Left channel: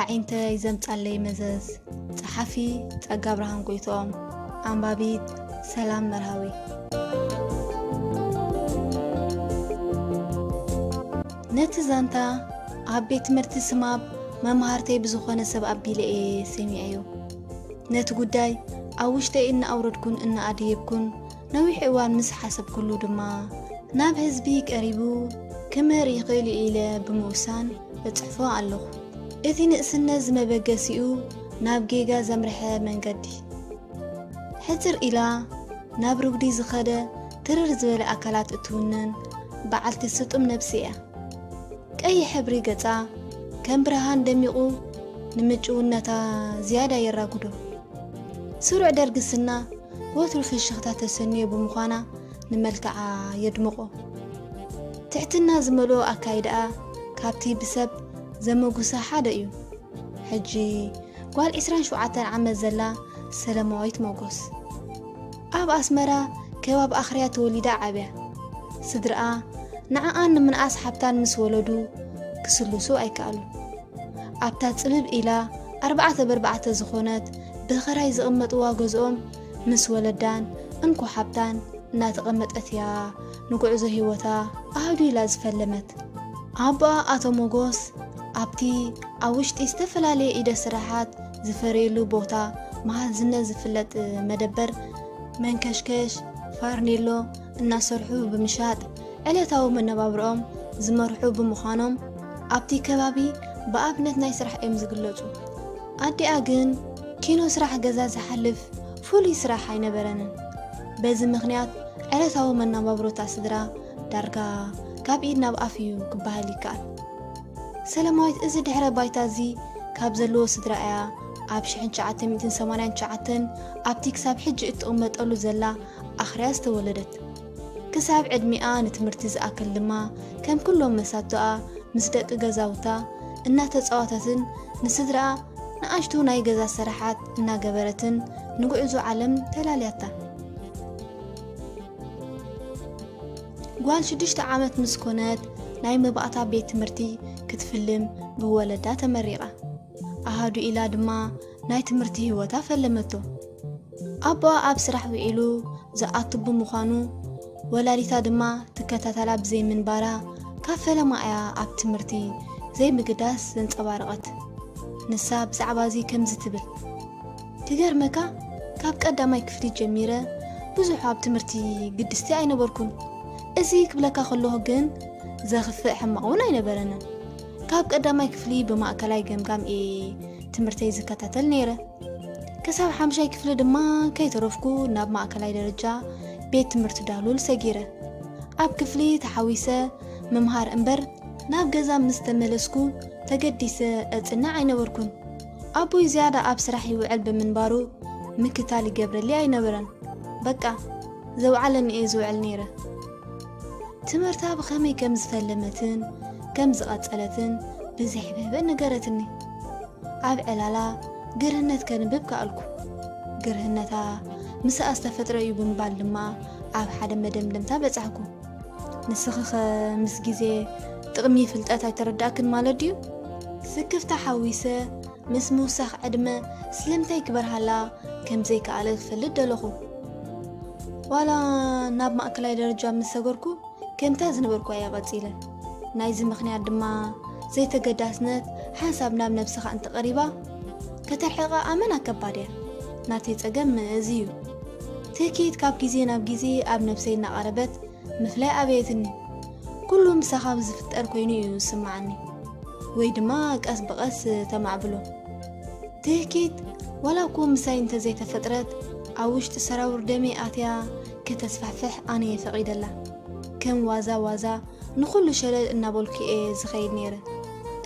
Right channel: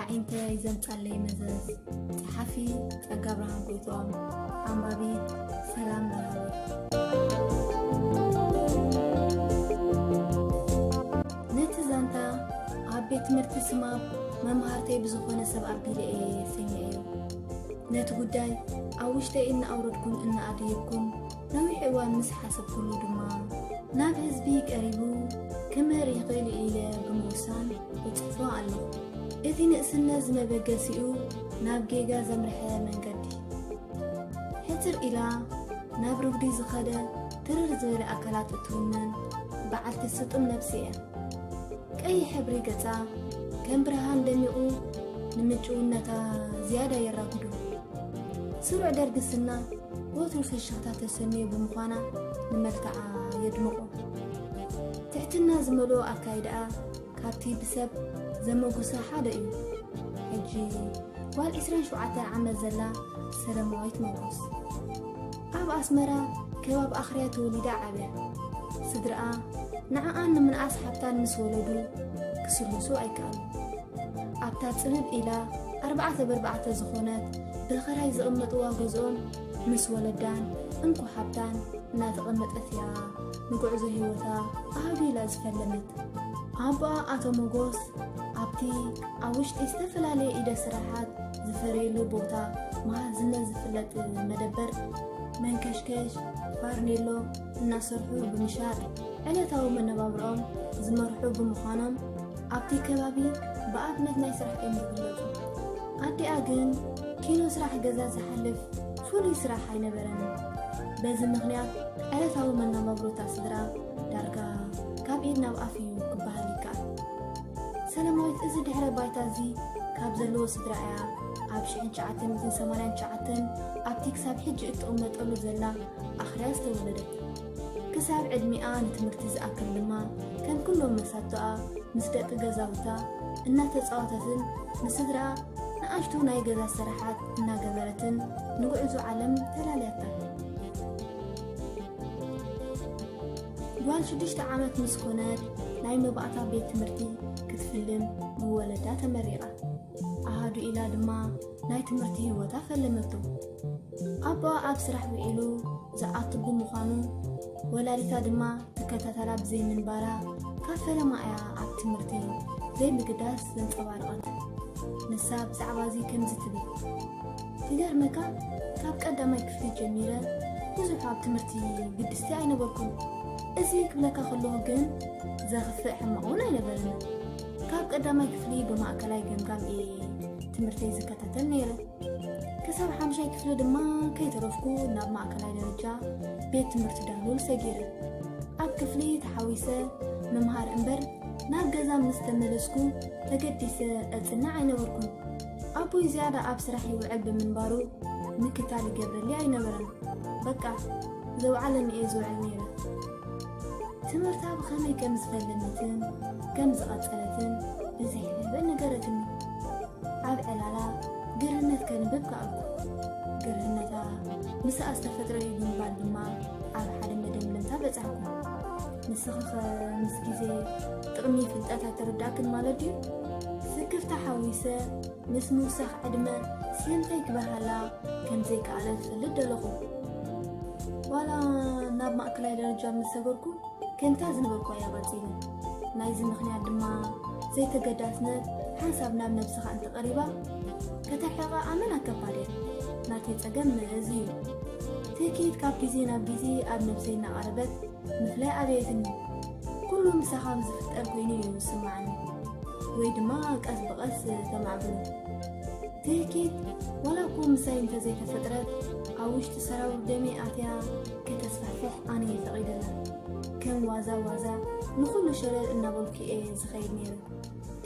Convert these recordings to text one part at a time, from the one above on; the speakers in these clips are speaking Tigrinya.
عينت يزمت علي مزز صحفي تقابرهم قيتهم أنبابيت سلام مرهوي نتزانتا عبيت مرتسماب ما مهارتي بزخونة سبب بيلي سميعيو نت قداي أوشتي إن أوردكن إن أديبكن نوي حوان مس حسب كله دما ناب حزبيك قريبو كما ريقيل إلى بموسان بتحفو علو إذي نقسنا زمبقاسيو ناب جيجا زمرحة من قدي حتر إلى ناب رقدي زخادة ترر زوال أكلات اتونن بعد تسطم نفسية كأي حبري قطع كم برهان دميقو نمجو نتا زيادة يراقدو سرع درقسنا وتر في الشغطات السنية بمخانا نملكع يدمقو تحتنا زملو أكايدا كابتي بسب زموقو ساحادة إيو حجي قال إسران شوعاتان عم زلا سلامويت موقوس أب أسمرا كواب أخريات وليدا عبيا صدرقا نعان من أصحابتان مس ولدو كسلوسو أي كالو أبتات سبب إلى 4 زخونات بخراي زقمت واغزهم مس ولدان انكو حبتان ناتقمت أثيا نقعز هيوتا أهدو إلى زفلمت أبا أتو موغوس أبتي أوشت استفلالي إيدا سراحات زفريلو بوتا مع زنا زفلت مدبر من كشكش فارنيلو الناسرحو بمشات عليتاو من نبابرهم زمرحو بمخانهم أبتي كبابي بأبنت ناي سرح إم زقلوتو أدي أغن كينو سرح قزاز حلف فولي سرح ينبرن بزي مغنيات عليتاو من نبابرو تاسدرا دارقا كاب إيدنا بأفيو كبهالي كال سلامويت إزي دحرة بايتازي كاب زلو سدرائيا عب شحن شعاتن 280 شعاتن أبتي كساب حج اتقومت أولو زلا أخرياس تولدت كساب عد مئان تمرتز أكل لما كان كلهم مساتوها مصدق غزاوتا إنها تتصواتتن نسدرا نأشتو ناي غزا سرحات إنها قبرتن نقعزو عالم تلالياتا قوال 6 عامت مسكونات ناي مبقاتا بيت تمرتي كتفلم بولدا تمريقة أهادو إلا دما ناي تمرتي هوتا فلمتو أبا أب سرح وعيلو زقاتو بمخانو ولاليتا دما تكتاتلا بزي من بارا كافلا معايا أب تمرتي زي بقداس زنصبارقت نسا بزعبازي كمز تبل تقار مكا كاب قداماي كفتي جميرة بزوحو أب تمرتي قدستي أي نبركم أزي كبلكا خلوه جن زغفق حمقون أي نبرنا كاب قداماي كفلي بمأكلاي قمقام تمرتي زكاتاتل نيرة كساب حمشاي كفلي دما كي ترفكو ناب مأكلاي درجة بيت تمرتو دالول ساقيرة أب كفلي تحاويسة ممهار أمبر ناب جزا مستملسكو تقديسة أتنا عين وركن أبوي زيادة أب سرحي وعلب من بارو مكتالي قبر لي عين ورن بقى زو علن إيزو علنيرة تمرتا بخامي كمز فلمتن كمز قاتلتن بزحبه بنقرتني أب علالا قرهنت كان ببكا ألكو قرهنتا مسا أستفتر يبون بالما أب حدا مدم لمتا بتعكو نسخخ مسجزي تقمي فلتاتا ترداكن مالديو سكفتا حويسة مس موسخ عدمة سلمتا يكبر هلا كم زي كالك فلد دلخو ولا ناب مأكلاي درجة مساقركو كم تازن بركو يا غزيلا نايزي مخنيات دما زي تقداسنت حسابنا بنفسخ أنت قريبا كترحيقا آمنا كباريا ناتي تقم زيو تأكيد كاب جيزي ناب جيزي أب نفسينا قربت مفلاء أبيتني كلهم مساخاب زفت أركويني يسمعني ويدما قاس بقاس تمعبلو تأكيد ولا كون مساين تزي تفترت أوش تسراور دمي آتيا كتسفحفح أني فقيد الله كم وازا نخلو شلال النابولكي إيه زخير نيرة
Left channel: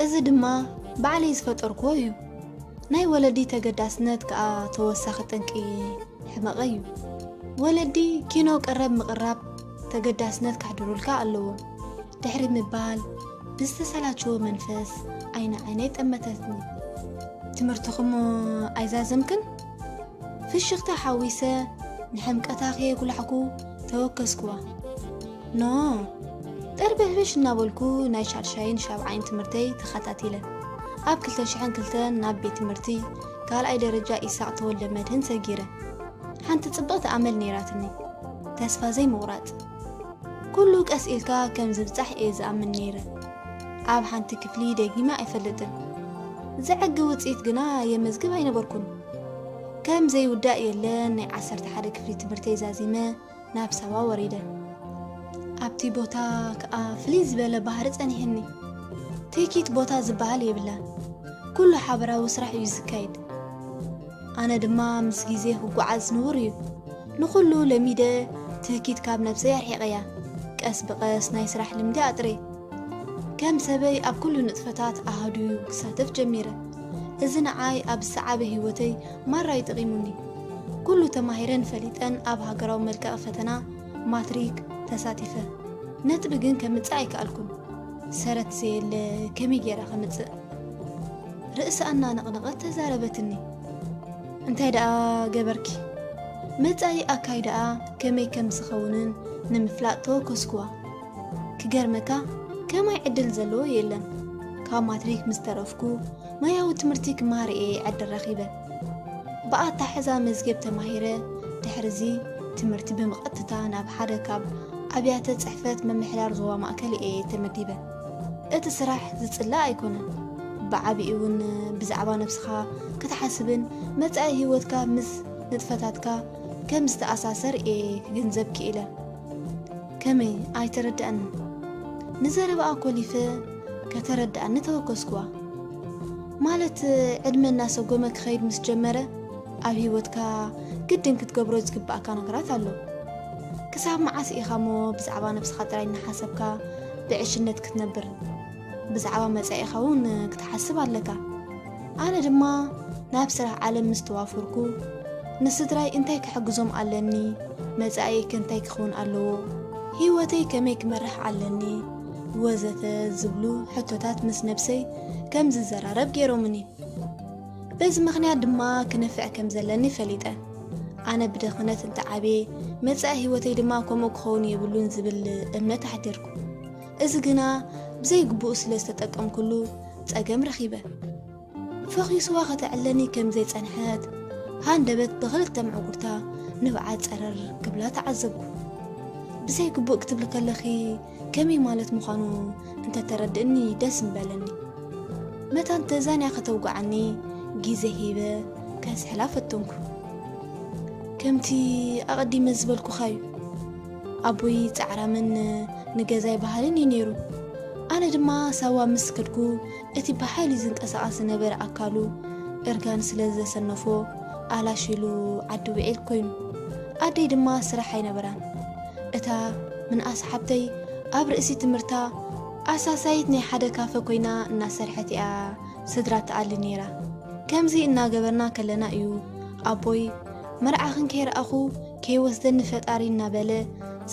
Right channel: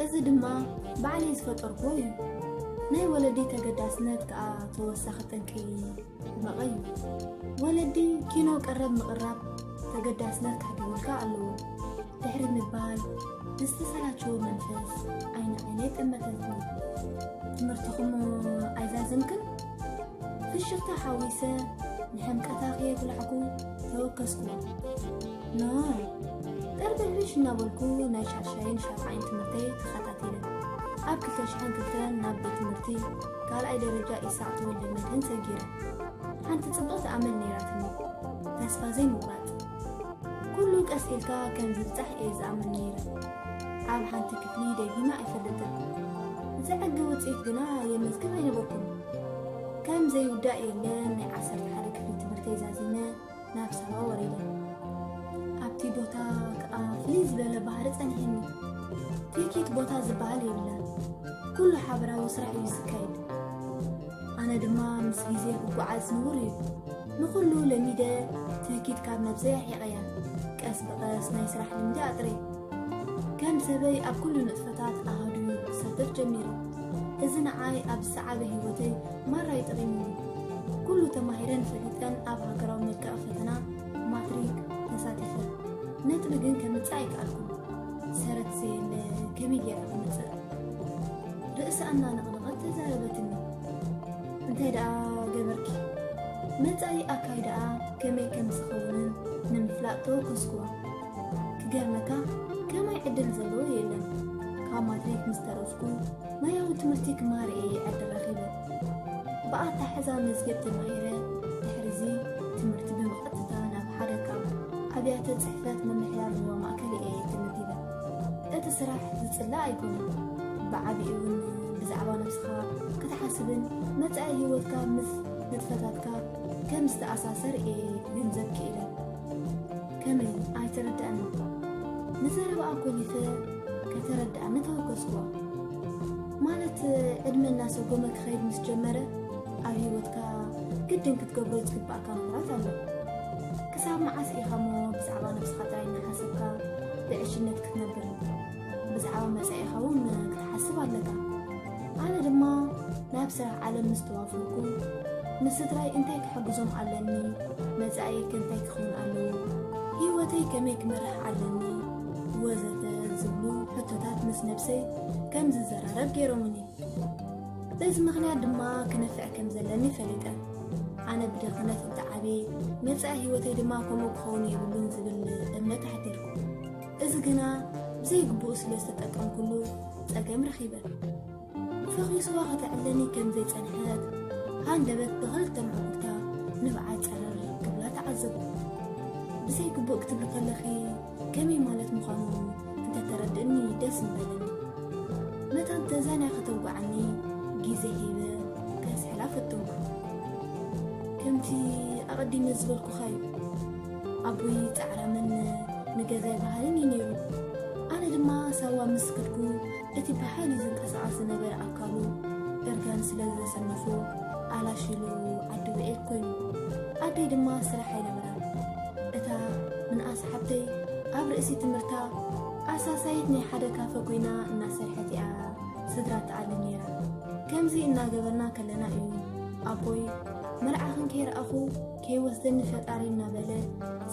إذا دما بعلي زفت أركويو ناي ولدي تقداسنت كا توساختنكي حماقيو ولدي كينو قرب مقرب تقداسنت كحدرولكا اللو دحري مبال بستسالاتشو منفس عينيت أمتتني تمرتخم أيزازمكن في الشغطة حاويسة نحمك أتاخي كل حكو توكسكوا نو تربه بش نابلكو نايش عرشاين شابعين تمرتي تخطاتيلا ኣብ 2002 ናብ ቤት ትምህርቲ ካልኣይ ደረጃ ኢሳቅ ተወልደ መድህን ሰጊረ ሓንቲ ጽብቕቲ ኣመል ነይራትኒ ተስፋ ዘይምቑራጽ ኩሉ ቀስ ኢልካ ከም ዝብጻሕ እየ ዝኣምን ነይረ ኣብ ሓንቲ ክፍሊ ደጊማ ኣይፈልጥን ዝዕጊ ውፅኢት ግና የመዝግብ ኣይነበርኩን ከም ዘይውዳእ የለን ናይ 11 ክፍሊ ትምህርቲ ዛዚመ ናብ ሰባ ወሪደ ኣብቲ ቦታ ከዓ ፍልይ ዝበለ ባህሪ ጸኒሕኒ ትኪት ቦታ ዝበሃል የብላ ኩሉ ሓበራዊ ስራሕ እዩ ዝካየድ ኣነ ድማ ምስ ግዜ ክጓዓዝ ንቡር እዩ ንኩሉ ለሚደ ትኪት ካብ ነብሰይ ኣርሒቐያ ቀስ ብቐስ ናይ ስራሕ ልምዲ ኣጥሬ ከም ሰበይ ኣብ ኩሉ ንጥፈታት ኣሃድዩ ክሳተፍ ጀሚረ እዚ ንዓይ ኣብ ዝሰዓበ ህይወተይ ማራይ ጠቒሙኒ ኩሉ ተማሂረን ፈሊጠን ኣብ ሃገራዊ መልክዕ ፈተና ማትሪክ ተሳቲፈ ነጥቢ ግን ከምፅእ ኣይከኣልኩን ሰረት ዘየለ ከመይ ጌራ ከምፅእ ርእሲ ኣናነቕነቐት ተዛረበትኒ እንታይ ደኣ ገበርኪ መጻኢ ኣካይ ደኣ ከመይ ከም ዝኸውንን ንምፍላጥ ተወከስኩዋ ክገርመካ ከማይ ዕድል ዘለዎ የለን ካብ ማትሪክ ምስ ተረፍኩ ማያዊ ትምህርቲ ክመሃር እየ ዕድል ረኺበ ብኣታ ሕዛ መዝገብ ተማሂረ ድሕርዚ ትምህርቲ ብምቐጥታ ናብ ሓደ ካብ ኣብያተ ጽሕፈት መምሕዳር ዞባ ማእከል እየ ተመዲበ እቲ ስራሕ ዝጽላእ ኣይኮነን ብዓብዪ እውን ብዛዕባ ነብስኻ ክትሓስብን መጻኢ ህይወትካ ምስ ንጥፈታትካ ከም ዝተኣሳሰር እየ ክግንዘብ ክኢለ ከመይ ኣይተረድአኒ ንዘረባኣ ኮሊፈ ከተረድአኒ ተወከስኩዋ ማለት ዕድመ እናሰጎመ ክኸይድ ምስ ጀመረ ኣብ ህይወትካ ግድን ክትገብሮ ዝግባእካ ነገራት ኣሎ ክሳብ መዓስ ኢኻ ሞ ብዛዕባ ነብስኻ ጥራይ እናሓሰብካ ብዕሽነት ክትነብር ብዛዕባ መጻኢኻ እውን ክትሓስብ ኣለካ ኣነ ድማ ናብ ስራሕ ዓለም ምስ ተዋፈርኩ ንስድራይ እንታይ ክሕግዞም ኣለኒ መጻኢ ከንታይ ክኸውን ኣለዎ ህይወተይ ከመይ ክመርሕ ኣለኒ ወዘተ ዝብሉ ሕቶታት ምስ ነብሰይ ከም ዝዘራረብ ገይሮምኒ በዚ ምኽንያት ድማ ክነፍዕ ከም ዘለኒ ፈሊጠ ኣነ ብድኽነት እንተዓቤ መጻኢ ህይወተይ ድማ ከምኡ ክኸውን የብሉን ዝብል እምነት ኣሕዲርኩ እዚ ግና ብዘይግቡእ ስለ ዝተጠቀምኩሉ ፀገም ረኺበ ፈኺስዋ ከተዕለኒ ከም ዘይጸንሐት ሃንደበት ብኽልተ ምዕጉርታ ንብዓት ፀረር ክብላ ተዓዘብኩ ብዘይግቡእ ክትብል ከለኺ ከመይ ማለት ምዃኑ እንተተረድእኒ ደስ ምበለኒ መታ እንተዛንያ ከተውጓዓኒ ግዜ ሂበ ከስሕላ ፈተንኩ ከምቲ ኣቐዲመ ዝበልኩኻ እዩ ኣቦይ ፃዕራምን ንገዛይ ባህልን እዩ ነይሩ ኣነ ድማ ሰዋ ምስ ክድኩ እቲ ብሓይሊ ዝንቀሳቐስ ዝነበረ ኣካሉ እርጋን ስለ ዘሰነፎ ኣላሽሉ ዓዲ ውዒል ኮይኑ ኣደይ ድማ ስራሕ ኣይነበራን እታ ምንኣስ ሓብተይ ኣብ ርእሲ ትምህርታ ኣሳሳይት ናይ ሓደ ካፈ ኮይና እናሰርሐት እያ ስድራ ተኣሊ ነይራ ከምዚ እናገበርና ከለና እዩ ኣቦይ መርዓኽን ከይረኣኹ ከይወስደኒ ፈጣሪ እናበለ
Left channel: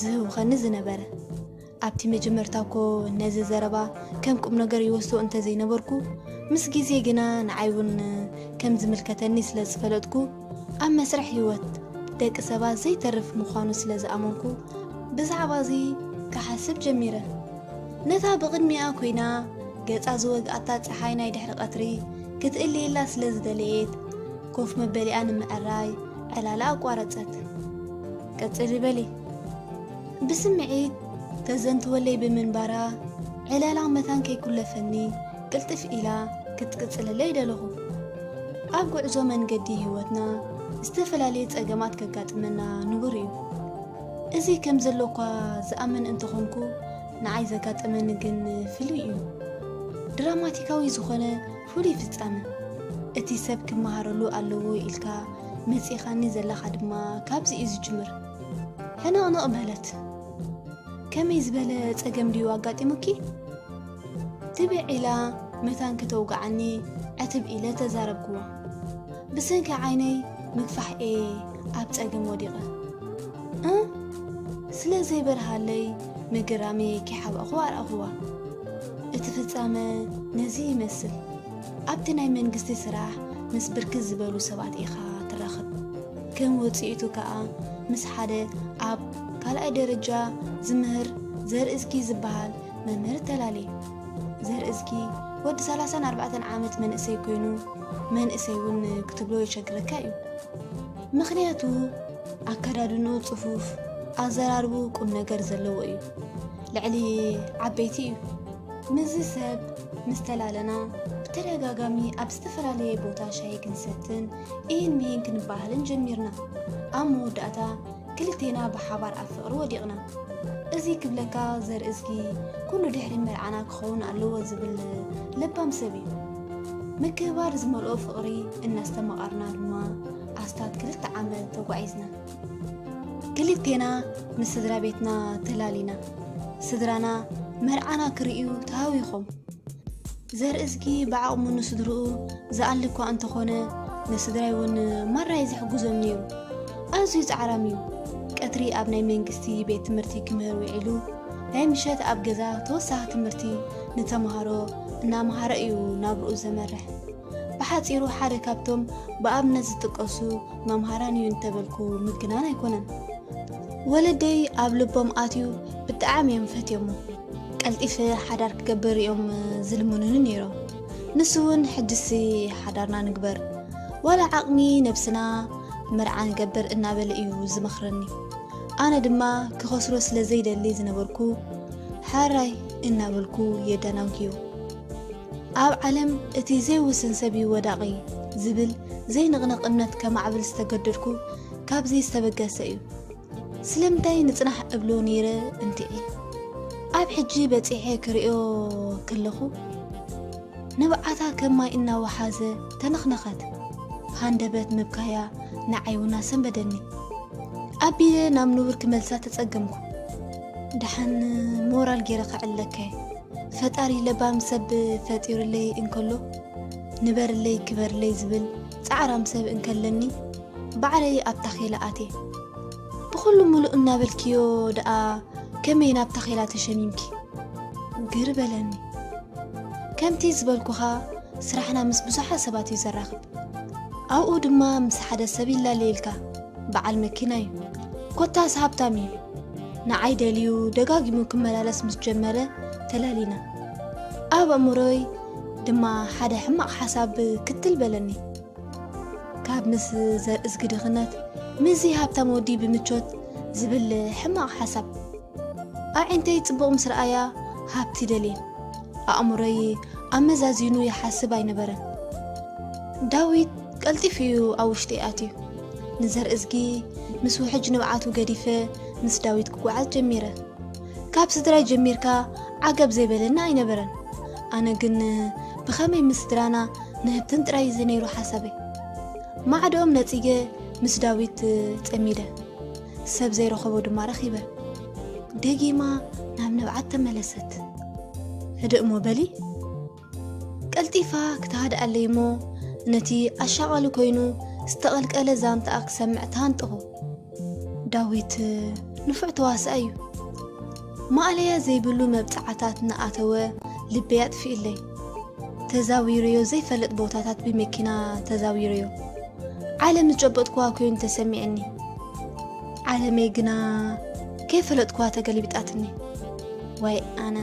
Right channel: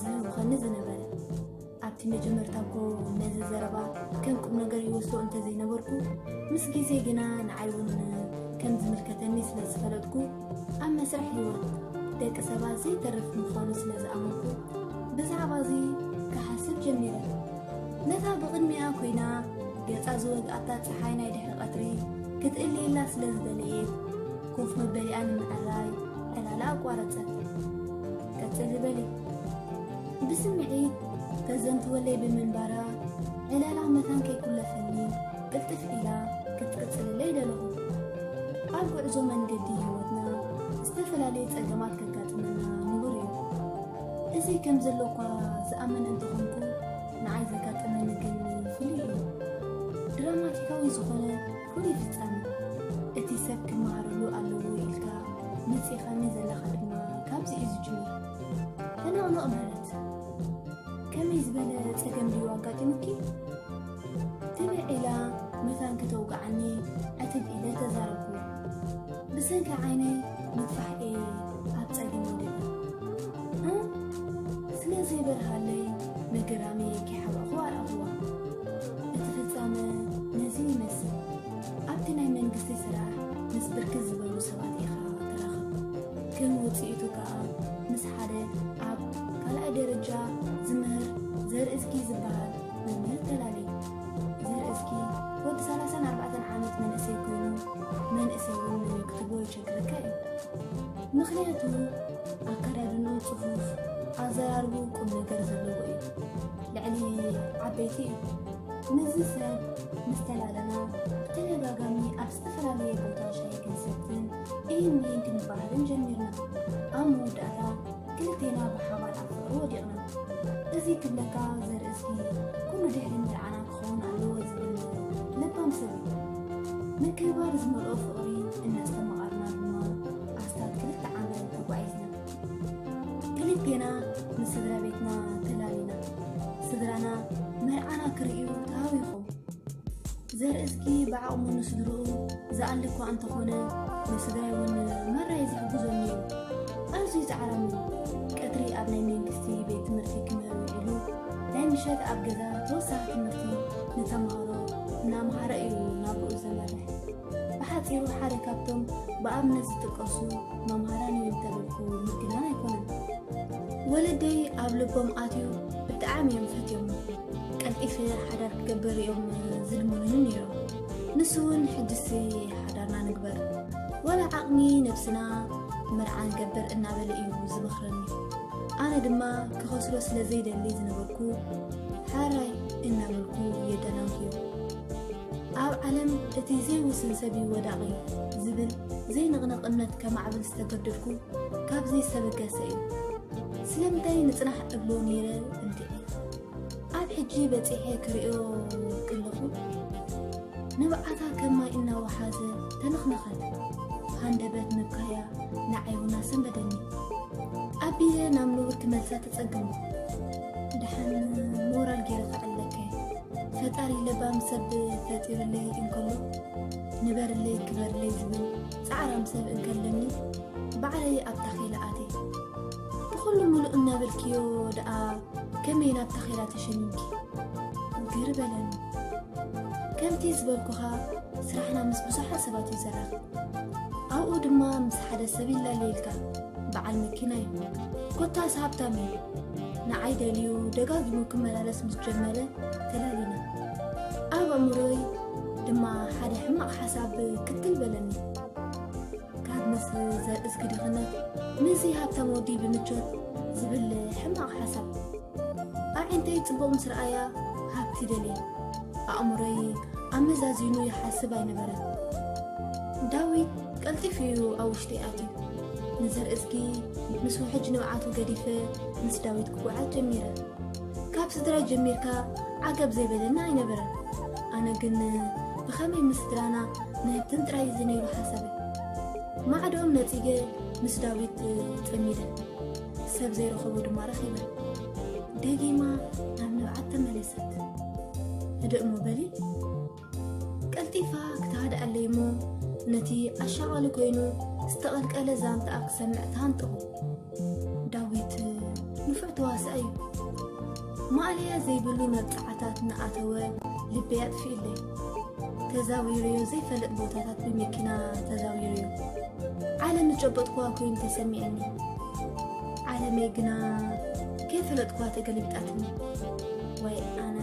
ዝህውኸኒ ዝነበረ ኣብቲ መጀመርታ እኮ ነዚ ዘረባ ከም ቁም ነገር ይወስዶ እንተዘይነበርኩ ምስ ግዜ ግና ንዓይ እውን ከም ዝምልከተኒ ስለ ዝፈለጥኩ ኣብ መስርሕ ህይወት ደቂ ሰባት ዘይተርፍ ምዃኑ ስለ ዝኣመንኩ ብዛዕባ እዚ ክሓስብ ጀሚረ ነታ ብቕድሚኣ ኮይና ገጻ ዝወግኣታ ፀሓይ ናይ ድሕሪ ቀትሪ ክትእልየላ ስለ ዝደለየት ኮፍ መበሊኣ ንምዕራይ ዕላላ ኣቋረፀት ቀፅል በሊ ብስምዒት ተዘንትወለይ ብምንባራ ዕላላ መታን ከይኩለፈኒ ቅልጥፍ ኢላ ክትቅፅለለይ ደለኹ ኣብ ጉዕዞ መንገዲ ህይወትና ዝተፈላለየ ፀገማት ከጋጥመና ንቡር እዩ እዚ ከም ዘለኳ ዝኣምን እንትኾንኩ ንዓይ ዘጋጥመኒ ግን ፍሉይ እዩ ድራማቲካዊ ዝኾነ ፍሉይ ፍጻመ እቲ ሰብ ክመሃረሉ ኣለዎ ኢልካ መፂኻኒ ዘለኻ ድማ ካብዚ እዩ ዝጅምር ሕንቕንቕ ማለት ከመይ ዝበለ ፀገም ድዩ ኣጋጢሙኪ ትብዕ ኢላ መታን ከተውግዓኒ ዕትብ ኢለ ተዛረብክዎ ብሰንኪ ዓይነይ ምግፋሕ እየ ኣብ ፀገም ወዲቐ ስለ ዘይበርሃለይ መገራሚ ከይሓበቕኹ ኣርኣኽዋ እቲ ፍጻመ ነዚ ይመስል ኣብቲ ናይ መንግስቲ ስራሕ ምስ ብርክት ዝበሉ ሰባት ኢኻ ትራኸብ ከም ውፅኢቱ ከዓ ምስ ሓደ ኣብ ካልኣይ ደረጃ ዝምህር ዘርእስኪ ዝበሃል መምህር ተላለየ ዘርእስኪ ወዲ 34 ዓመት መንእሰይ ኮይኑ መንእሰይ እውን ክትብሎ ይቸግረካ እዩ ምክንያቱ ኣከዳድንኡ ጽፉፍ ኣዘራርቡ ቁም ነገር ዘለዎ እዩ ልዕሊ ዓበይቲ እዩ ምዝ ሰብ ምስተላለና ብተደጋጋሚ ኣብ ዝተፈላለየ ቦታ ሻይ ክንሰትን ይህን ክንባህልን ጀሚርና ኣብ መወዳእታ ክልቴና ብሓባር ኣብ ፍቅሪ ወዲቕና እዚ ክብለካ ዘርእስኪ ኩሉ ድሕሪ መርዓና ክኸውን ኣለዎ ዝብል ለባም ሰብ እዩ ምክባር ዝመልኦ ፍቅሪ እናስተመቓርና ድማ ኣስታት 2 ዓመት ተጓዒዝና ክልቴና ምስ ስድራ ቤትና ተላሊና ስድራና መርዓና ክርእዩ ተሃዊኾም ዘርእስኪ ብዓቕሙ ንስድርኡ ዝኣልኳ እንተኾነ ንስድራይ እውን ማራይ ዝሕጉዞም ነይሩ ኣዝዩ ፃዕራም እዩ ቀትሪ ኣብ ናይ መንግስቲ ቤት ትምህርቲ ክምህር ውዒሉ ናይ ምሸት ኣብ ገዛ ተወሳኺ ትምህርቲ ንተምሃሮ እናምሃረ እዩ ናብርኡ ዘመርሕ ብሓፂሩ ሓደ ካብቶም ብኣብነት ዝጥቀሱ መምሃራን እዩ እንተበልኩ ምግናን ኣይኮነን ወለደይ ኣብ ልቦም ኣትዩ ብጣዕሚ እዮም ፈትዮም ቀልጢፈ ሓዳር ክገበር እዮም ዝልሙኑን ነይሮም ንሱ እውን ሕድሲ ሓዳርና ንግበር ወላ ዓቕሚ ነብስና መርዓ ንገበር እናበለ እዩ ዝመኽረኒ ኣነ ድማ ክኸስሮ ስለ ዘይደሊ ዝነበርኩ ሓራይ እናበልኩ የደናንክዮ ኣብ ዓለም እቲ ዘይውስን ሰብ ወዳቒ ዝብል ዘይንቕንቕነት ከማዕብል ዝተገደድኩ ካብዚ ዝተበገሰ እዩ ስለምንታይ ንጽናሕ እብሎ ነይረ እንቲዒ ኣብ ሕጂ በፂሐ ክሪኦ ከለኹ ንብዓታ ከማይ እናወሓዘ ተነኽነኸት ሃንደበት ምብካያ ንዓይውና ሰንበደኒ ኣቢለ ናብ ንቡር ክመልሳ ተጸገምኩ ድሓን ሞራል ገይረ ክዕለከ ፈጣሪ ለባም ሰብ ፈጢሩለይ እንከሎ ንበርለይ ክበርለይ ዝብል ፃዕራም ሰብ እንከለኒ ባዕለይ ኣብ ታኺላ ኣቴ ብኩሉ ሙሉእ እናበልክዮ ደኣ ከመይ ናብ ታኺላ ተሸሚምኪ ግር በለኒ ከምቲ ዝበልኩኻ ስራሕና ምስ ብዙሓት ሰባት እዩ ዘራኽብ ኣብኡ ድማ ምስ ሓደ ሰብ ይላለየልካ በዓል መኪና እዩ ኮታስ ሃብታም እዩ ንዓይ ደልዩ ደጋጊሙ ክመላለስ ምስ ጀመረ ተላሊና ኣብ ኣእምሮይ ድማ ሓደ ሕማቕ ሓሳብ ክትል በለኒ ካብ ምስ ዘርእስኪ ድኽነት ምዚ ሃብታም ወዲ ብምቾት ዝብል ሕማቕ ሓሳብ ኣዒንተይ ጽቡቕ ምስ ረኣያ ሃብቲ ደልየ ኣእምሮይ ኣመዛዚኑ ይሓስብ ኣይነበረን ዳዊት ቀልጢፍ እዩ ኣብ ውሽጢ ኣትዩ ንዘርእስኪ ምስ ውሕጅ ንብዓቱ ገዲፈ ምስ ዳዊት ክጓዓዝ ጀሚረ ካብ ስድራይ ጀሚርካ ዓገብ ዘይበለና ኣይነበረን ኣነ ግን ብኸመይ ምስ ስድራና ንህብትን ጥራይ ዝነይሩ ሓሳበይ ማዕዶም ነፂገ ምስ ዳዊት ጸሚደ ሰብ ዘይረኸቦ ድማ ረኺበ ደጊማ ናብ ንብዓት ተመለሰት ህድእ ሞ በሊ ቀልጢፋ ክትሃድኣለይ ሞ ነቲ ኣሻቓሉ ኮይኑ ዝተቐልቀለ ዛንታኣ ክሰምዕ ተሃንጥኹ ዳዊት ንፉዕ ተዋስአ እዩ ማዕለያ ዘይብሉ መብፃዓታት ንኣተወ ልበይ ኣጥፊኡለይ ተዛዊርዮ ዘይፈለጥ ቦታታት ብመኪና ተዛዊርዮ ዓለም ዝጨበጥኳ ኮይኑ ተሰሚዐኒ ዓለመይ ግና ከይፈለጥኳ ተገሊቢጣትኒ ወይ ኣነ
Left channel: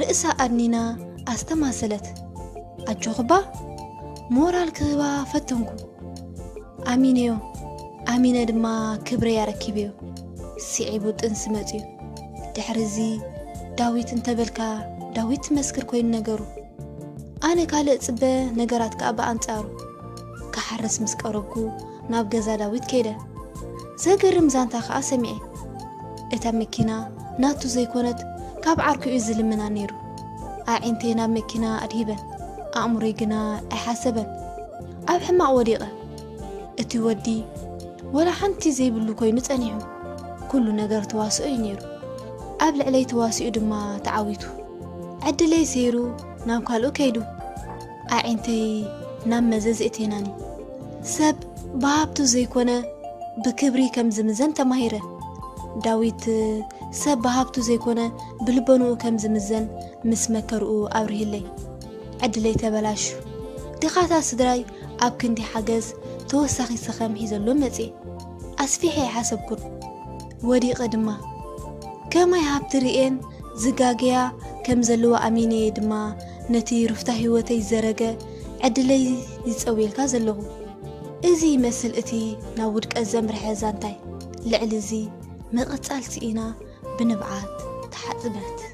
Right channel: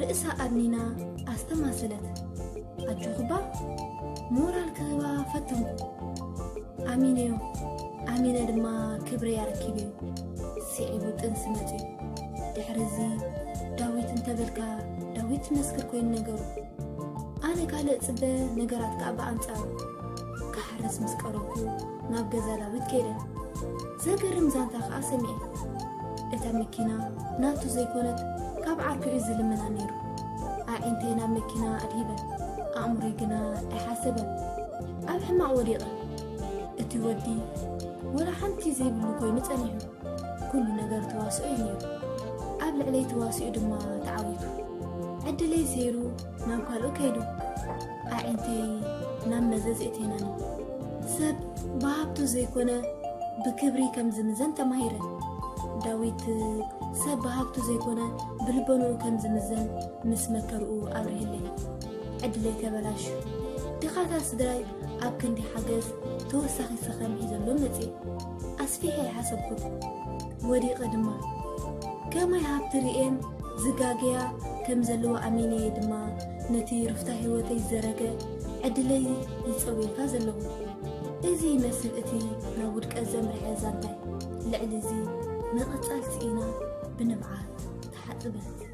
ርእሳ ኣድኒና ኣስተማሰለት ኣጆኽባ ሞራል ክህባ ፈተንኩ ኣሚነዮ ኣሚነ ድማ ክብረ ያረኪብዮ ሲዒቡ ጥንሲ መፅዩ ድሕሪዚ ዳዊት እንተበልካ ዳዊት ትመስክር ኮይኑ ነገሩ ኣነ ካልእ ጽበ ነገራት ከዓ ብኣንጻሩ ክሓርስ ምስ ቀረብኩ ናብ ገዛ ዳዊት ከይደ ዘገርም ዛንታ ከዓ ሰሚዐ እታ መኪና ናቱ ዘይኮነት ካብ ዓርኪኡ ዝልምና ነይሩ ኣዒንተይ ናብ መኪና ኣድሂበ ኣእምሮይ ግና ኣይሓሰበን ኣብ ሕማቕ ወዲቐ እቲ ወዲ ወላ ሓንቲ ዘይብሉ ኮይኑ ጸኒሑ ኩሉ ነገር ተዋስኦ እዩ ነይሩ ኣብ ልዕለይ ተዋሲኡ ድማ ተዓዊቱ ዕድለይ ሰይሩ ናብ ካልኡ ከይዱ ኣዒንተይ ናብ መዘዝ እቴናኒ ሰብ ብሃብቱ ዘይኮነ ብክብሪ ከም ዝምዘን ተማሂረ ዳዊት ሰብ ብሃብቱ ዘይኮነ ብልበንኡ ከም ዝምዘን ምስ መከርኡ ኣብርሂለይ ዕድለይ ተበላሹ ድኻታ ስድራይ ኣብ ክንዲ ሓገዝ ተወሳኺ ሰኸም ሒዘሎም መፅእ ኣስፊሐ ይሓሰብኩን ወዲቐ ድማ ከማይ ሃብቲ ርኤን ዝጋግያ ከም ዘለዎ ኣሚነ ድማ نتي رفتا هيوتي زرقة عدلي يتصويلكا زلو إزي مثل إتي ناودك الزمر حزانتاي لعلزي مقتالتينا بنبعات تحطمت